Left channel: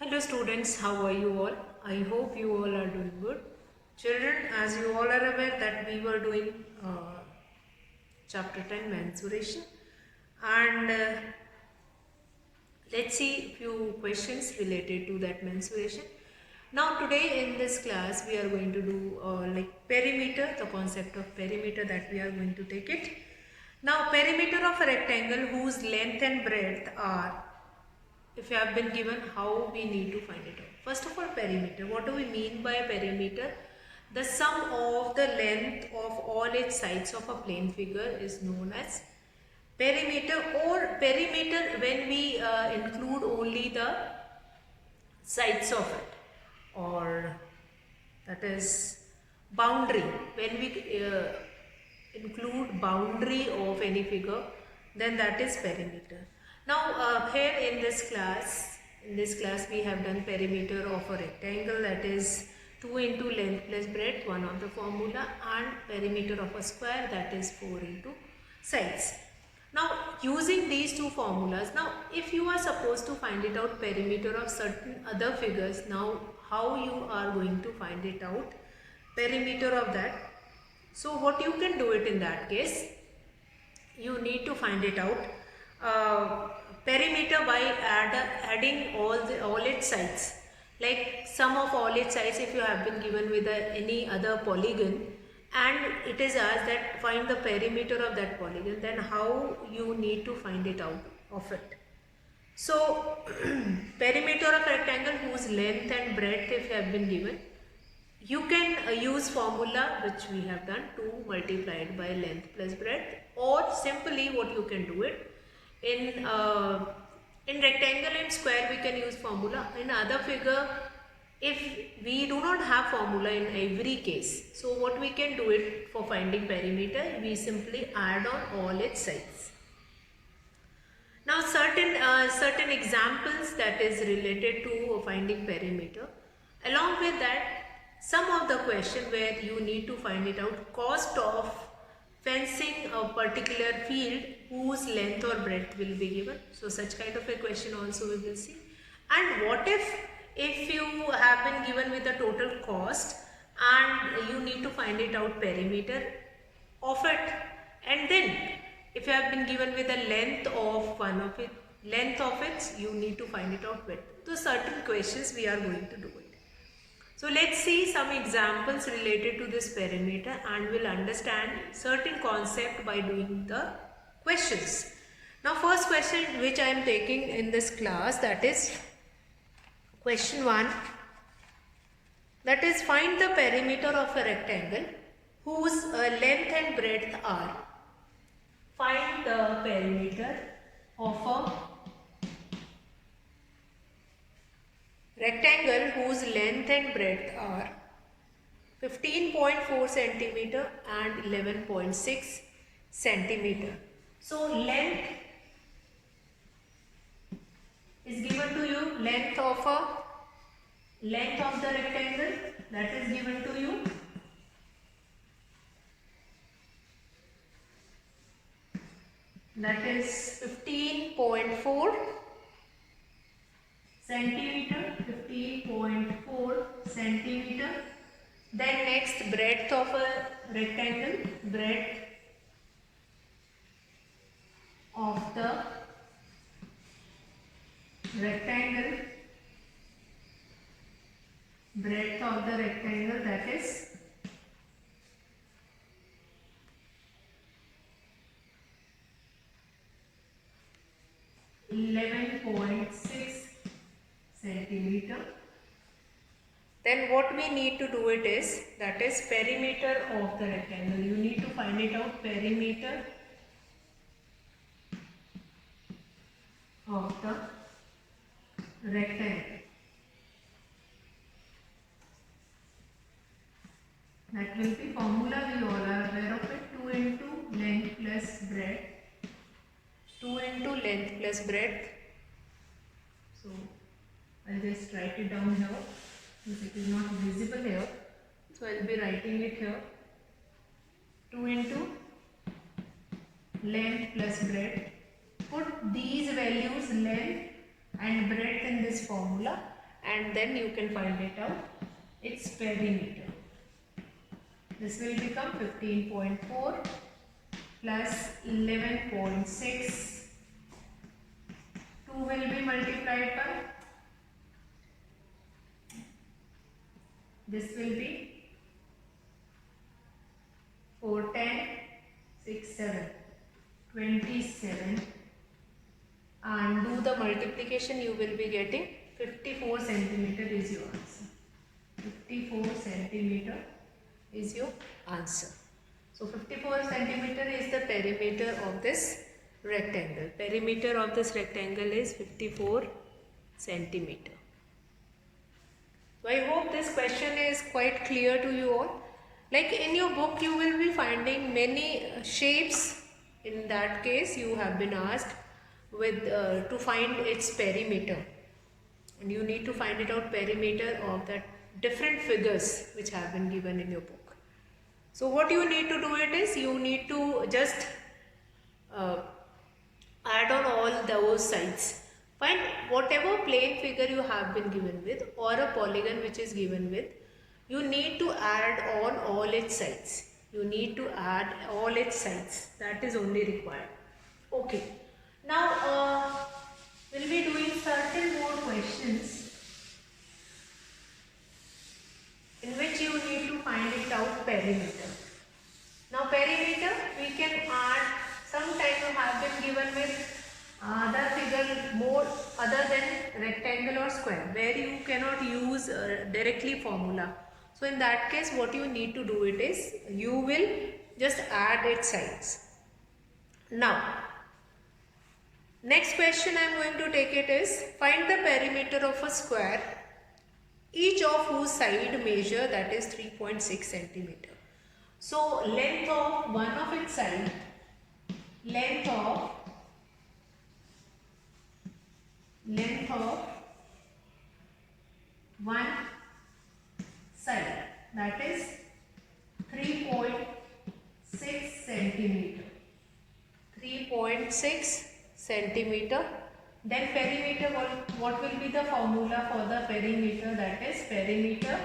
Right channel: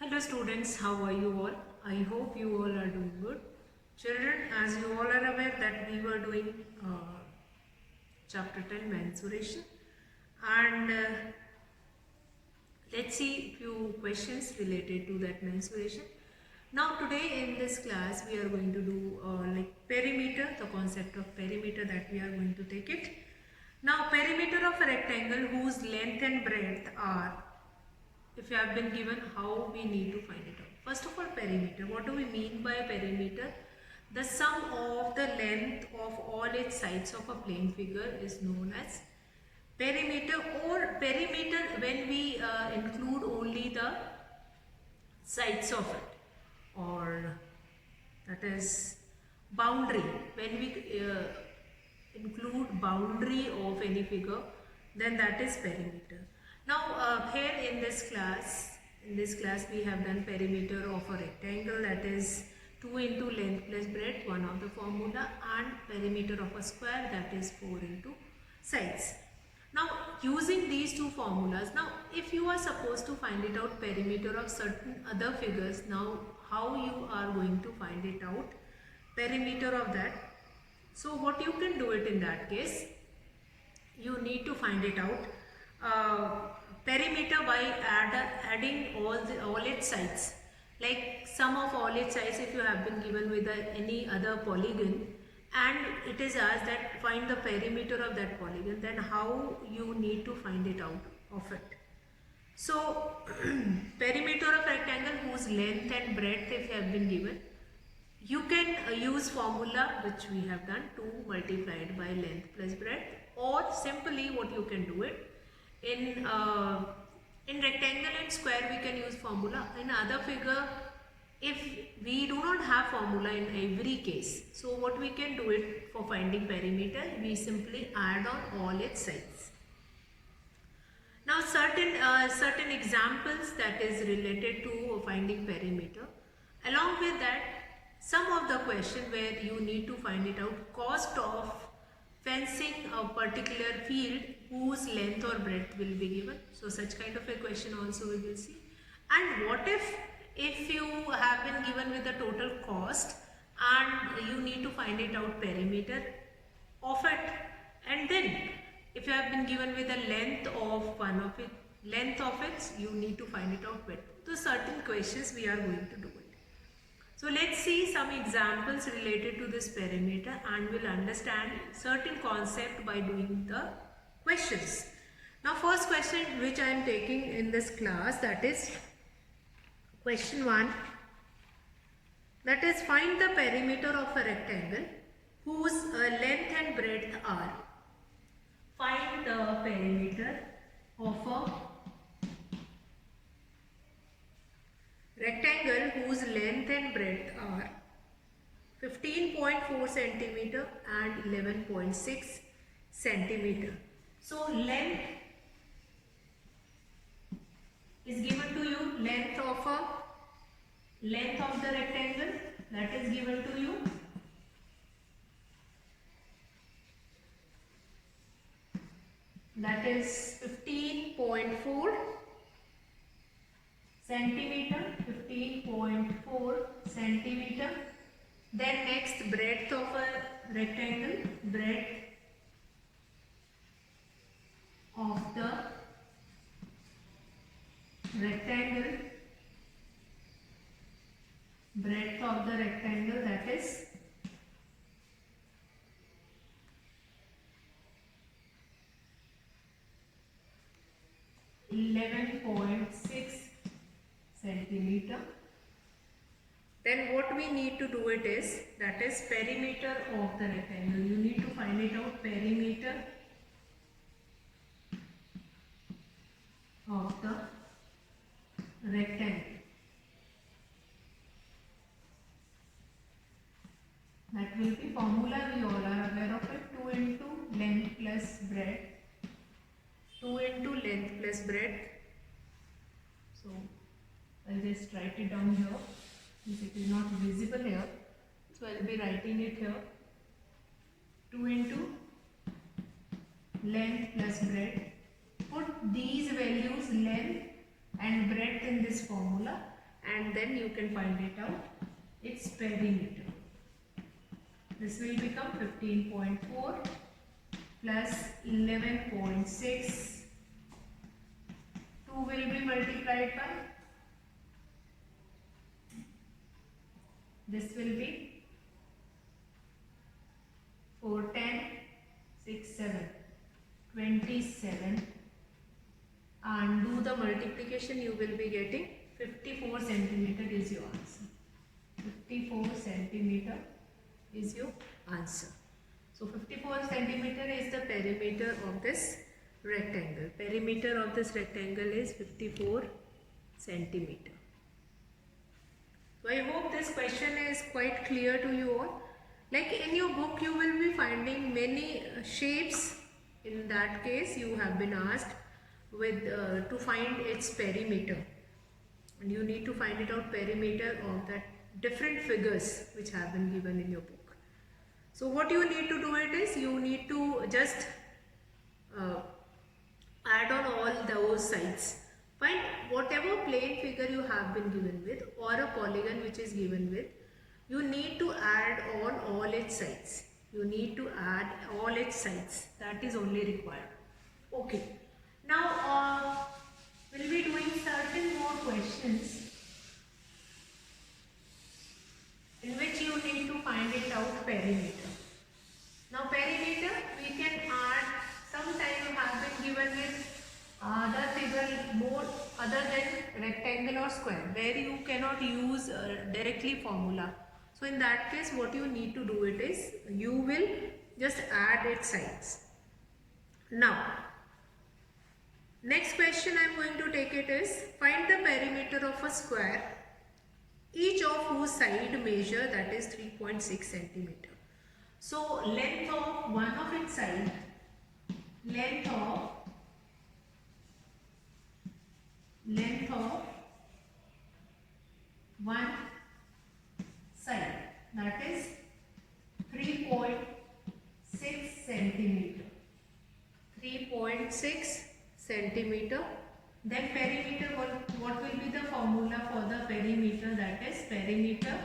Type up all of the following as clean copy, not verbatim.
Hello students, how are you all? I hope you all are doing good. Children, as you all are aware that we were doing chapter 10 mensuration and let's see a few questions related to that mensuration. Now today in this class we are going to do like perimeter, the concept of perimeter that we are going to take it. Now perimeter of a rectangle whose length and breadth are, if you have been given, how we need to find it out. First of all, perimeter. What do we mean by perimeter? The sum of the length of all its sides of a plane figure is known as perimeter, or perimeter when we include only the sides of it, or that is boundary. When we include boundary of any figure, then that is perimeter. Now here in this class we have done perimeter of a rectangle, that is 2 into length plus breadth, one of the formula, and perimeter of a square, that is 4 into sides. Now using these two formulas, now if you are supposed to find it out perimeter of certain other figures, now how you are going to find it out perimeter of that? So what you can do it in that case, you need to find it out perimeter by adding all its sides. Like sum of all its sides, if you have been given with any other polygon and it is asked that find the perimeter of that polygon, then how you need to find it out of it. So perimeter of rectangle whose length and breadth if you have been given, you can use formula which we have done, 2 multiplied by length plus breadth, or simply what you can do it in rectangle and square we can use formula. In other figure, if we do not have formula in every case, so what we can do it for finding perimeter, we simply add on all its sides. Now certain examples that is related to finding perimeter. Along with that, some of the question where you need to find it out, cost of fencing a particular field whose length or breadth will be given. So such kind of a question also we will see. And what if you have been given with the total cost and you need to find it out perimeter of it, and then if you have been given with the length of length of it, you need to find it out width. So certain questions we are going to do it. So let's see some examples related to this perimeter and we'll understand certain concept by doing the questions. Now first question which I am taking in this class, that is question 1, that is find the perimeter of a rectangle whose length and breadth are. Find the perimeter of a rectangle whose length and breadth are 15.4 centimeter and 11.6 centimeter. So length is given to you, length of the rectangle, that is given to you. That is 15.4 centimeter, 15.4 centimeter. Then next, breadth of a rectangle, breadth of the rectangle, breadth of the rectangle, that is 11.6 centimeter. Then what we need to do it is, that is perimeter of the rectangle. You need to find it out, perimeter of the rectangle. That will be formula, we all are aware of it, 2 into length plus breadth, 2 into length plus breadth. So I'll just write it down here since it is not visible here. So I'll be writing it here, 2 into length plus breadth. Put these values, length and breadth, in this formula and then you can find it out, its perimeter. This will become 15.4 plus 11.6. 2 will be multiplied by, this will be 4, 10, 6, 7, 27, and do the multiplication, you will be getting 54 centimeter is your answer. 54 centimeter is your answer. So 54 centimeter is the perimeter of this rectangle. Perimeter of this rectangle is 54 centimeter. So I hope this question is quite clear to you all. Like in your book you will be finding many shapes. In that case you have been asked with to find its perimeter, and you need to find it out perimeter of that different figures which have been given in your book. So what you need to do it is, you need to just add on all those sides. Find whatever plane figure you have been given with or a polygon which is given with, you need to add on all its sides. You need to add all its sides. That is only required. Okay. Now we'll be doing certain more questions in which you need to find it out perimeter. Now perimeter we can add, sometime you have been given with other figure more other than rectangle or square, where you cannot use directly formula. So in that case what you need to do it is, you will just add its sides. Now next question I am going to take it is, find the perimeter of a square, each of whose side measure that is 3.6 centimeter. So length of one of its side, length of one side, that is 3.6 centimeter. 3.6 centimeter. Then perimeter, what will be the formula for the perimeter? That is perimeter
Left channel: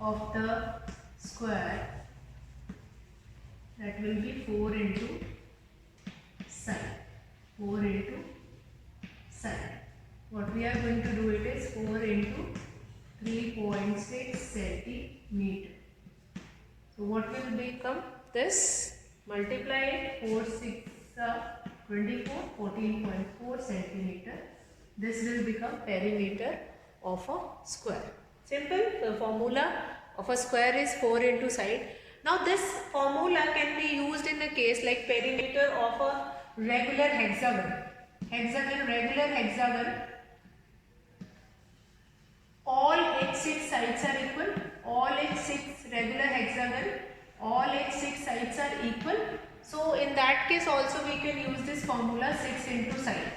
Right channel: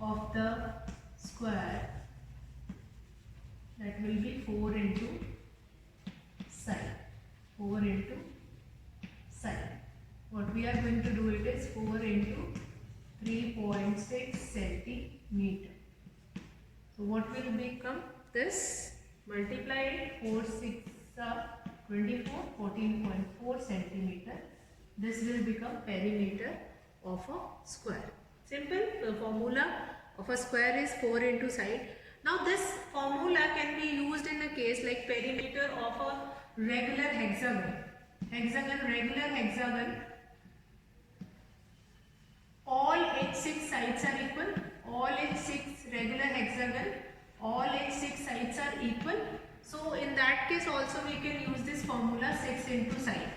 of the square, that will be 4 into side. 4 into side. What we are going to do it is 4 into 3.6 centimeter. So what will become this? Multiply it, 4 6 24, 14.4 centimeter. This will become perimeter of a square. Simple. The formula of a square is 4 into side. Now this formula can be used in a case like perimeter of a regular hexagon. Regular hexagon. All its 6 sides are equal. All its 6 regular hexagon, all its 6 sides are equal. So in that case also we can use this formula 6 into side.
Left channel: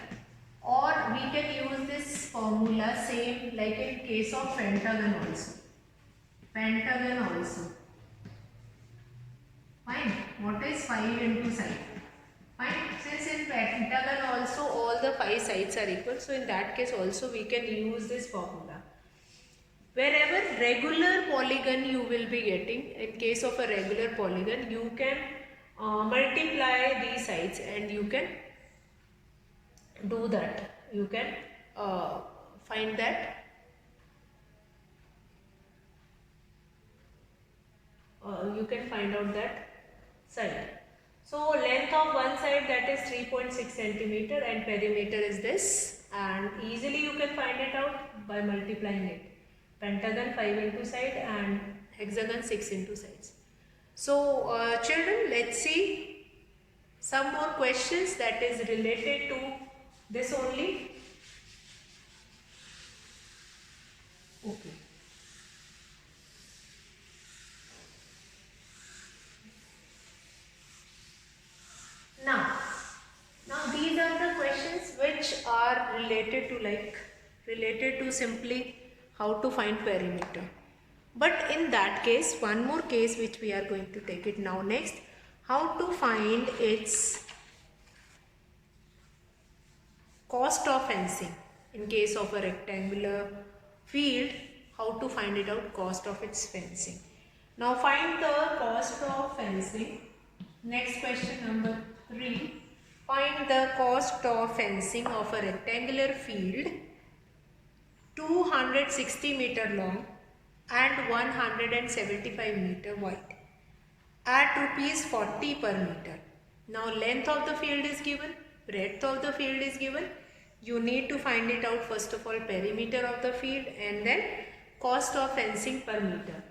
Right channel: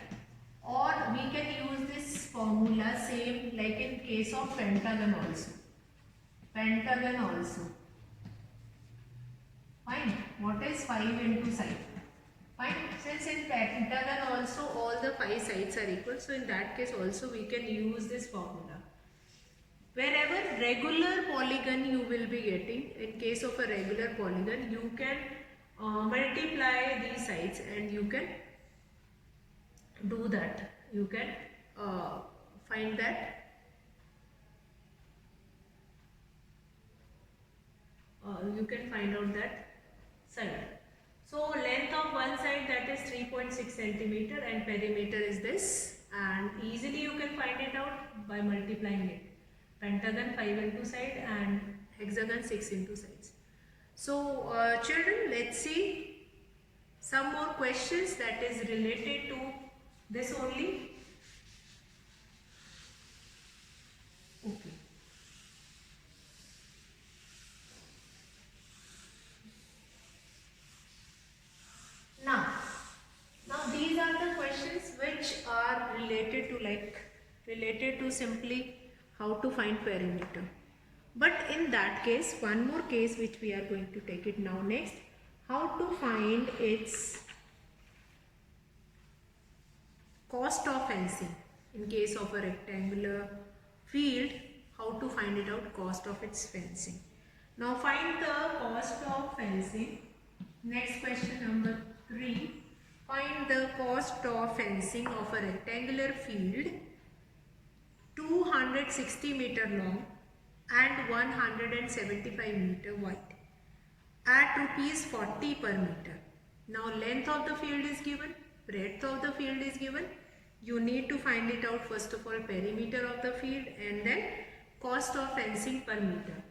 Or we can use this formula same like in case of pentagon also. Pentagon also. Fine. What is 5 into side? Fine. Since in pentagon also all the 5 sides are equal, so in that case also we can use this formula. Wherever regular polygon you will be getting, in case of a regular polygon, you can multiply these sides and you can do that. You can find that you can find out that side. So length of one side, that is 3.6 centimeter, and perimeter is this, and easily you can find it out by multiplying it. Pentagon 5 into side and hexagon 6 into sides. So children, let's see some more questions that is related to this only. Okay. Now these are the questions which are related to simply how to find perimeter. But in that case, one more case which we are going to take it now next, how to find its cost of fencing. In case of a rectangular field, how to find it out, cost of its fencing. Now find the cost of fencing. Next question number 3. Find the cost of fencing of a rectangular field 260 meter long and 175 meter wide at rupees 40 per meter. Now length of the field is given, breadth of the field is given. You need to find it out, first of all, perimeter of the field and then cost of fencing per meter.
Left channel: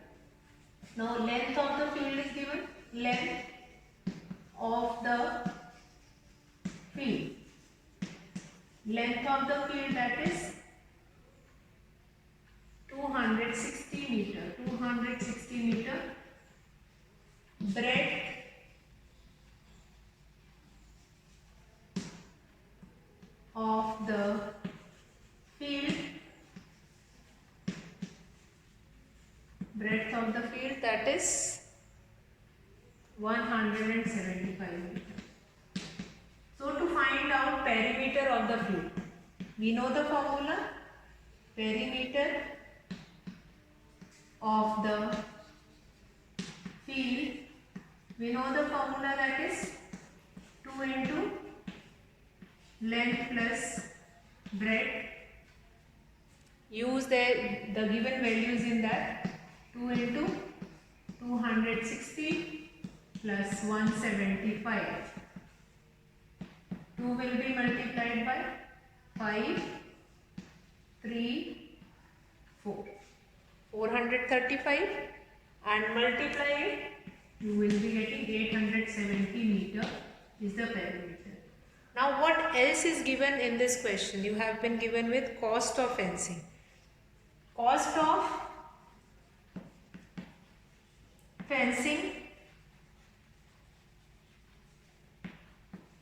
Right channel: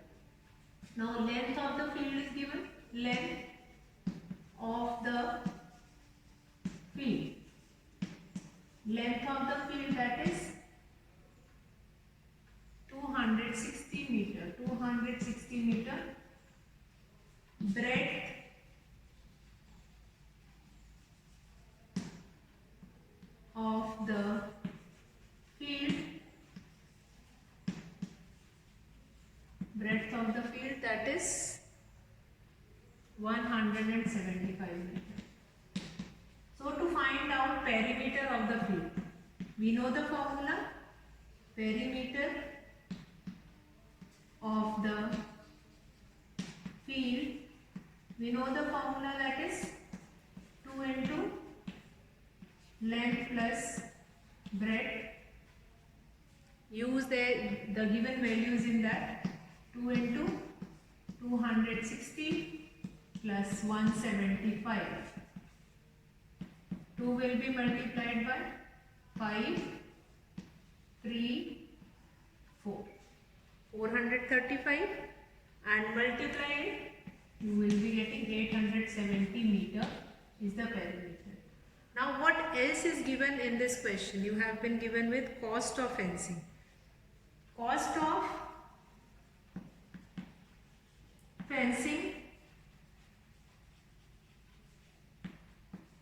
Now length of the field is given, length of the field. Length of the field, that is 260 meter. Breadth of the field, that is 175 meter. So to find out perimeter of the field, we know the formula, perimeter of the field, we know the formula, that is 2 into length plus breadth. Use the given values in that. 2 into 260 plus 175. 2 will be multiplied by 5, 3, 4. 435 and multiply it, you will be getting 870 meter is the perimeter. Now what else is given in this question? You have been given with cost of fencing. Cost of fencing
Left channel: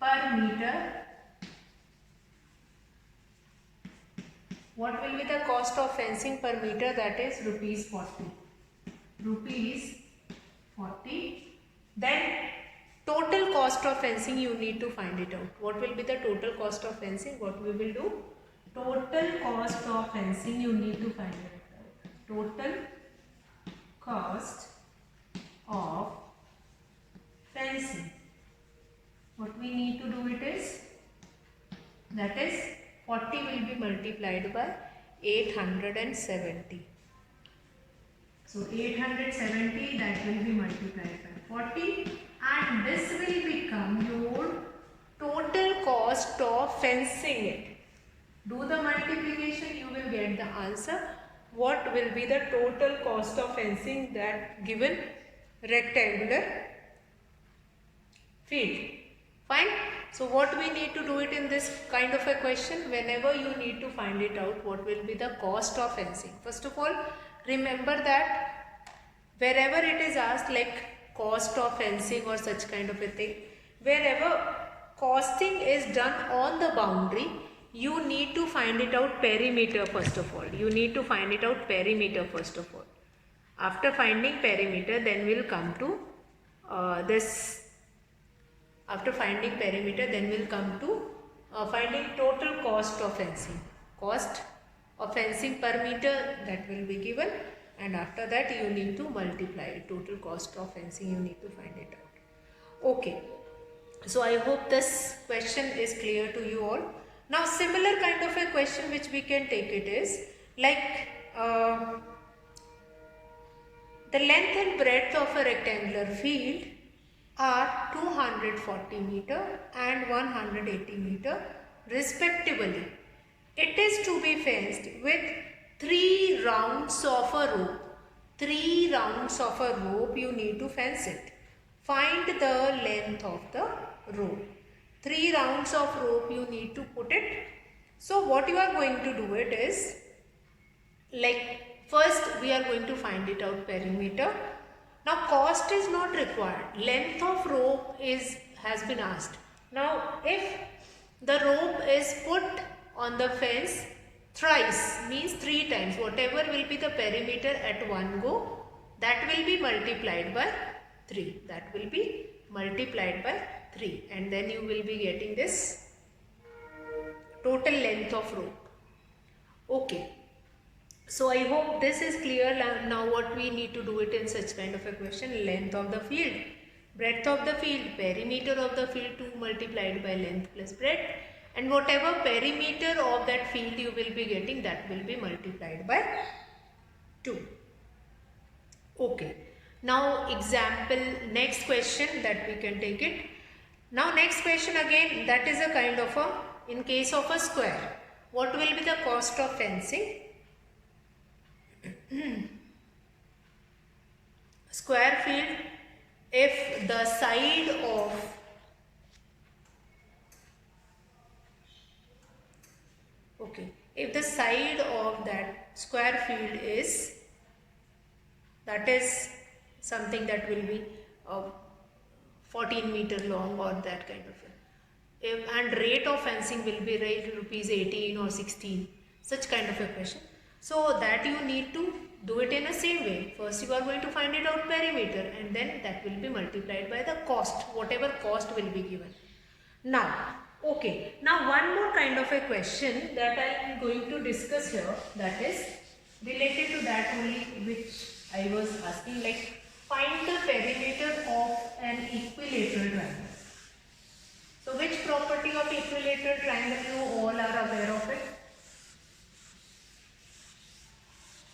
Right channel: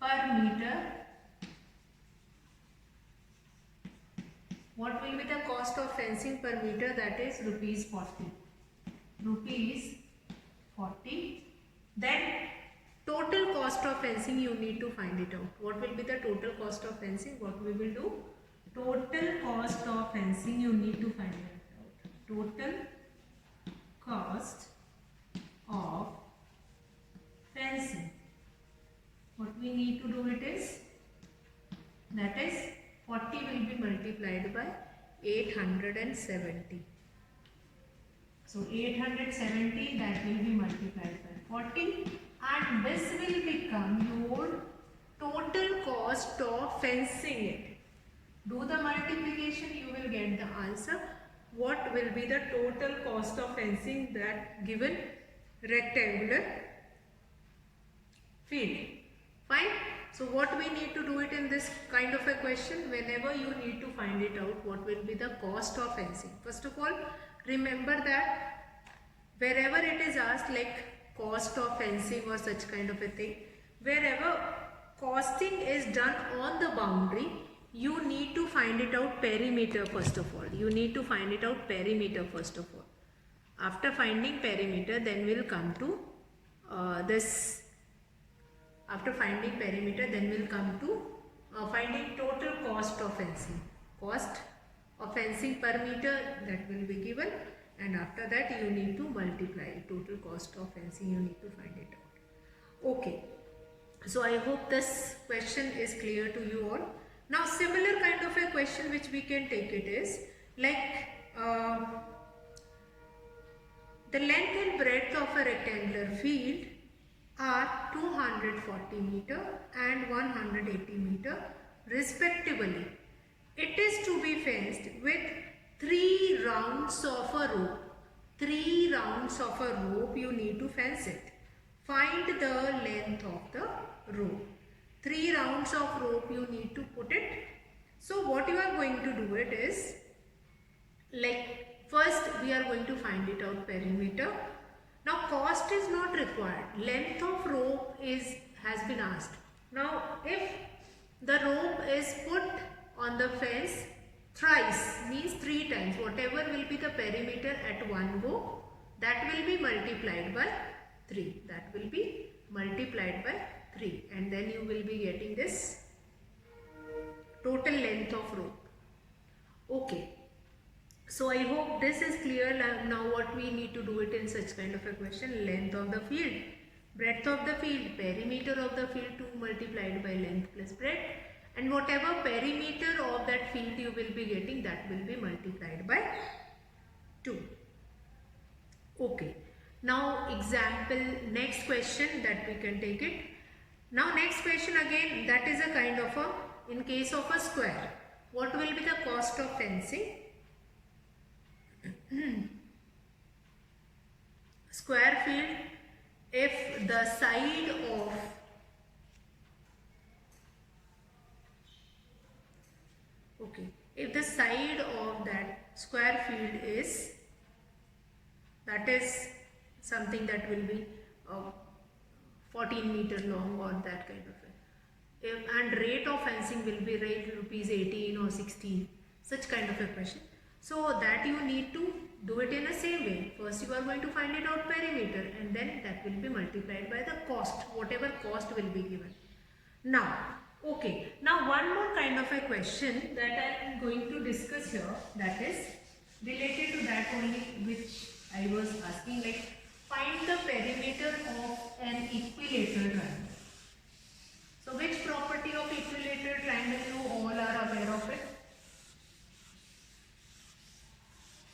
per meter. What will be the cost of fencing per meter? That is rupees 40. Rupees 40. Then total cost of fencing, you need to find it out. What will be the total cost of fencing? What we will do? Total cost of fencing, you need to find it out. Total cost of fencing. What we need to do it is, that is 40 will be multiplied by 870. So 870, that will be multiplied by 40 and this will become your total cost of fencing it. Do the multiplication, you will get the answer. What will be the total cost of fencing that given rectangular field? Fine. So what we need to do it in this kind of a question, whenever you need to find it out, what will be the cost of fencing? First of all, remember that wherever it is asked like cost of fencing or such kind of a thing, wherever costing is done on the boundary, you need to find it out perimeter first of all. You need to find it out perimeter first of all. After finding perimeter, then we'll come to this. After finding perimeter, then we'll come to finding total cost of fencing. Cost of fencing per meter, that will be given, and after that you need to multiply it. Total cost of fencing, you need to find it out. Okay. So I hope this question is clear to you all. Now similar kind of a question which we can take it is like the length and breadth of a rectangular field are 240 meter and 180 meter respectively. It is to be fenced with 3 rounds of a rope. 3 rounds of a rope you need to fence it. Find the length of the rope. 3 rounds of rope you need to put it. So what you are going to do it is, like first we are going to find it out perimeter. Now cost is not required. Length of rope has been asked. Now if the rope is put on the fence thrice means 3 times. Whatever will be the perimeter at one go, that will be multiplied by 3. That will be multiplied by 3, and then you will be getting this total length of rope. Okay. So I hope this is clear. Now what we need to do it in such kind of a question: length of the field, breadth of the field, perimeter of the field 2 multiplied by length plus breadth, and whatever perimeter of that field you will be getting, that will be multiplied by 2. Okay. Now example, next question that we can take it. Now next question again, that is a kind of a, in case of a square, what will be the cost of fencing? Square field, if the side of if the side of that square field is, that is something that will be 14 meter long or that kind of a, and rate of fencing will be rate rupees 18 or 16, such kind of a question. So that you need to do it in the same way. First you are going to find it out perimeter, and then that will be multiplied by the cost, whatever cost will be given. Now, okay, now one more kind of a question that I am going to discuss here, that is related to that only, which I was asking, like find the perimeter of an equilateral triangle. So which property of equilateral triangle you all are aware of it?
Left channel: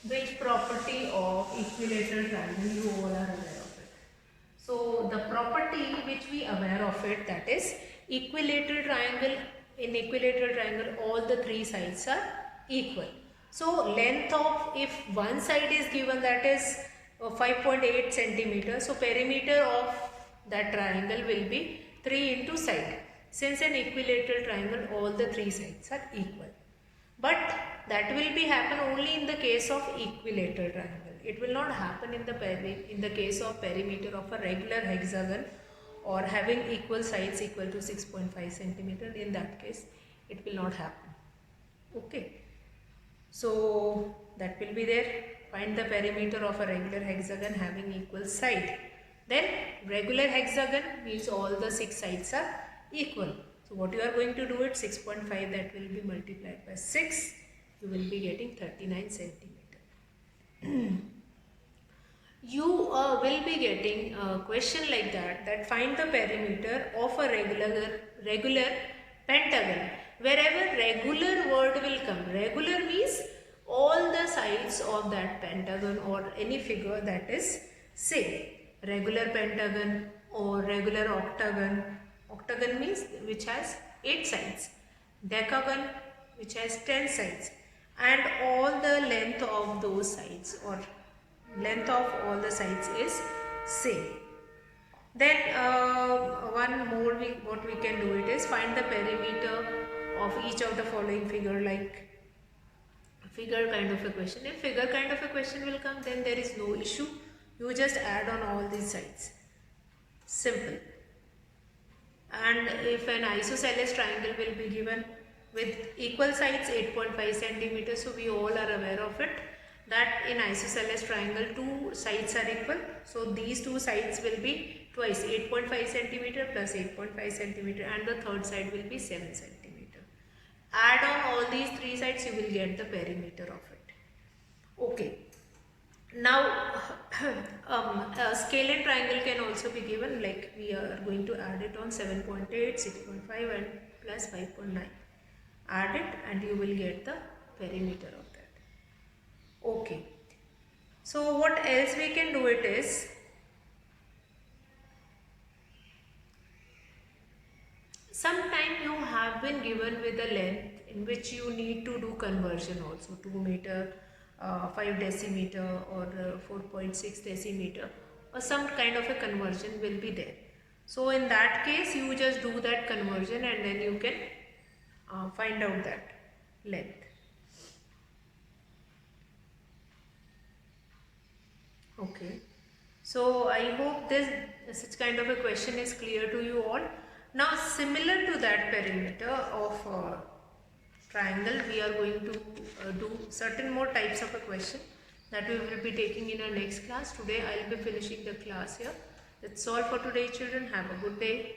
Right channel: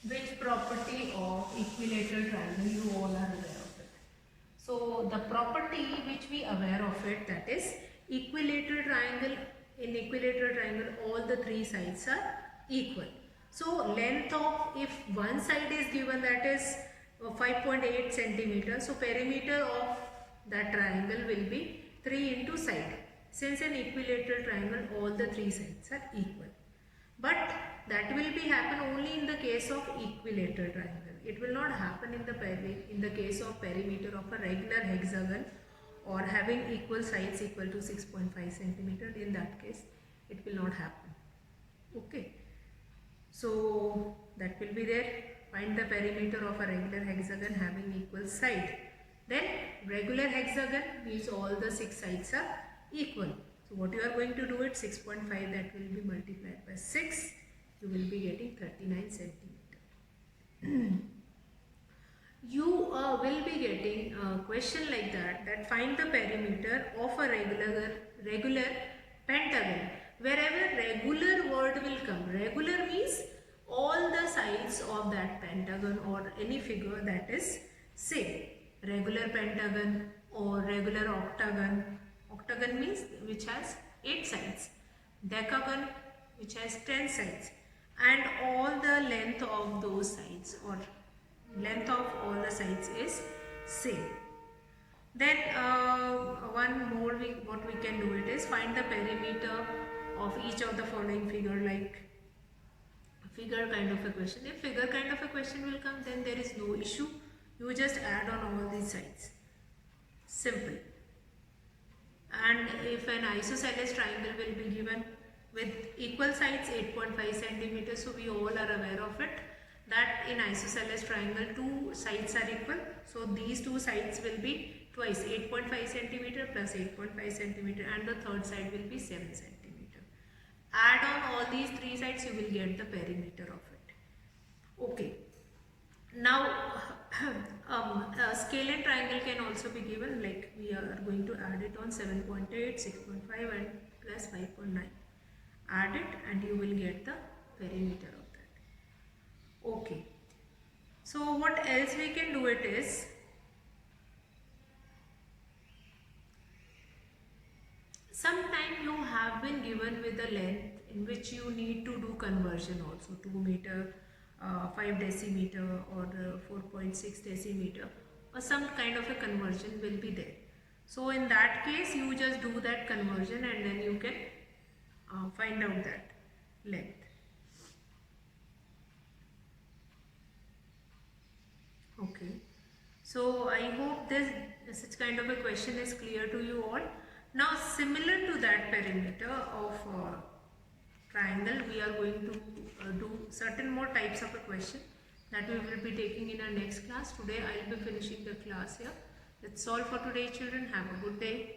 Which property of equilateral triangle you all are aware of it? So the property which we aware of it, that is equilateral triangle. In equilateral triangle all the 3 sides are equal. So length of, if one side is given, that is 5.8 centimeters, so perimeter of that triangle will be 3 into side. Since an equilateral triangle all the 3 sides are equal. But that will be happen only in the case of equilateral triangle. It will not happen in the case of perimeter of a regular hexagon or having equal sides equal to 6.5 centimeter. In that case it will not happen. Okay. So that will be there. Find the perimeter of a regular hexagon having equal side. Then regular hexagon means all the 6 sides are equal. So what you are going to do it, 6.5, that will be multiplied by 6. You will be getting 39 centimeter. You will be getting a question like that find the perimeter of a regular pentagon. Wherever regular word will come, regular means all the sides of that pentagon or any figure that is same. Regular pentagon or regular octagon. Octagon means which has 8 sides. Decagon which has 10 sides. And all the length of those sides or length of all the sides is same. Then one more what we can do it is find the perimeter of each of the following figure, like figure kind of a question. If figure kind of a question will come, then there is no issue. You just add on all these sides. Simple. And if an isosceles triangle will be given with equal sides 8.5 centimeters, so we all are aware of it that in isosceles triangle 2 sides are equal. So these 2 sides will be twice 8.5 centimeter plus 8.5 centimeter, and the third side will be 7 centimeter. Add on all these 3 sides, you will get the perimeter of it. Okay. Now a scalene triangle can also be given, like we are going to add it on 7.8, 6.5 and plus 5.9. Add it and you will get the perimeter of that. Okay. So what else we can do it is, sometime you have been given with a length in which you need to do conversion also, 2 meter, 5 decimeter or 4.6 decimeter or some kind of a conversion will be there. So in that case you just do that conversion and then you can find out that length. Okay. So I hope this such kind of a question is clear to you all. Now similar to that perimeter of triangle, we are going to do certain more types of a question that we will be taking in our next class. Today I will be finishing the class here. That's all for today, children. Have a good day.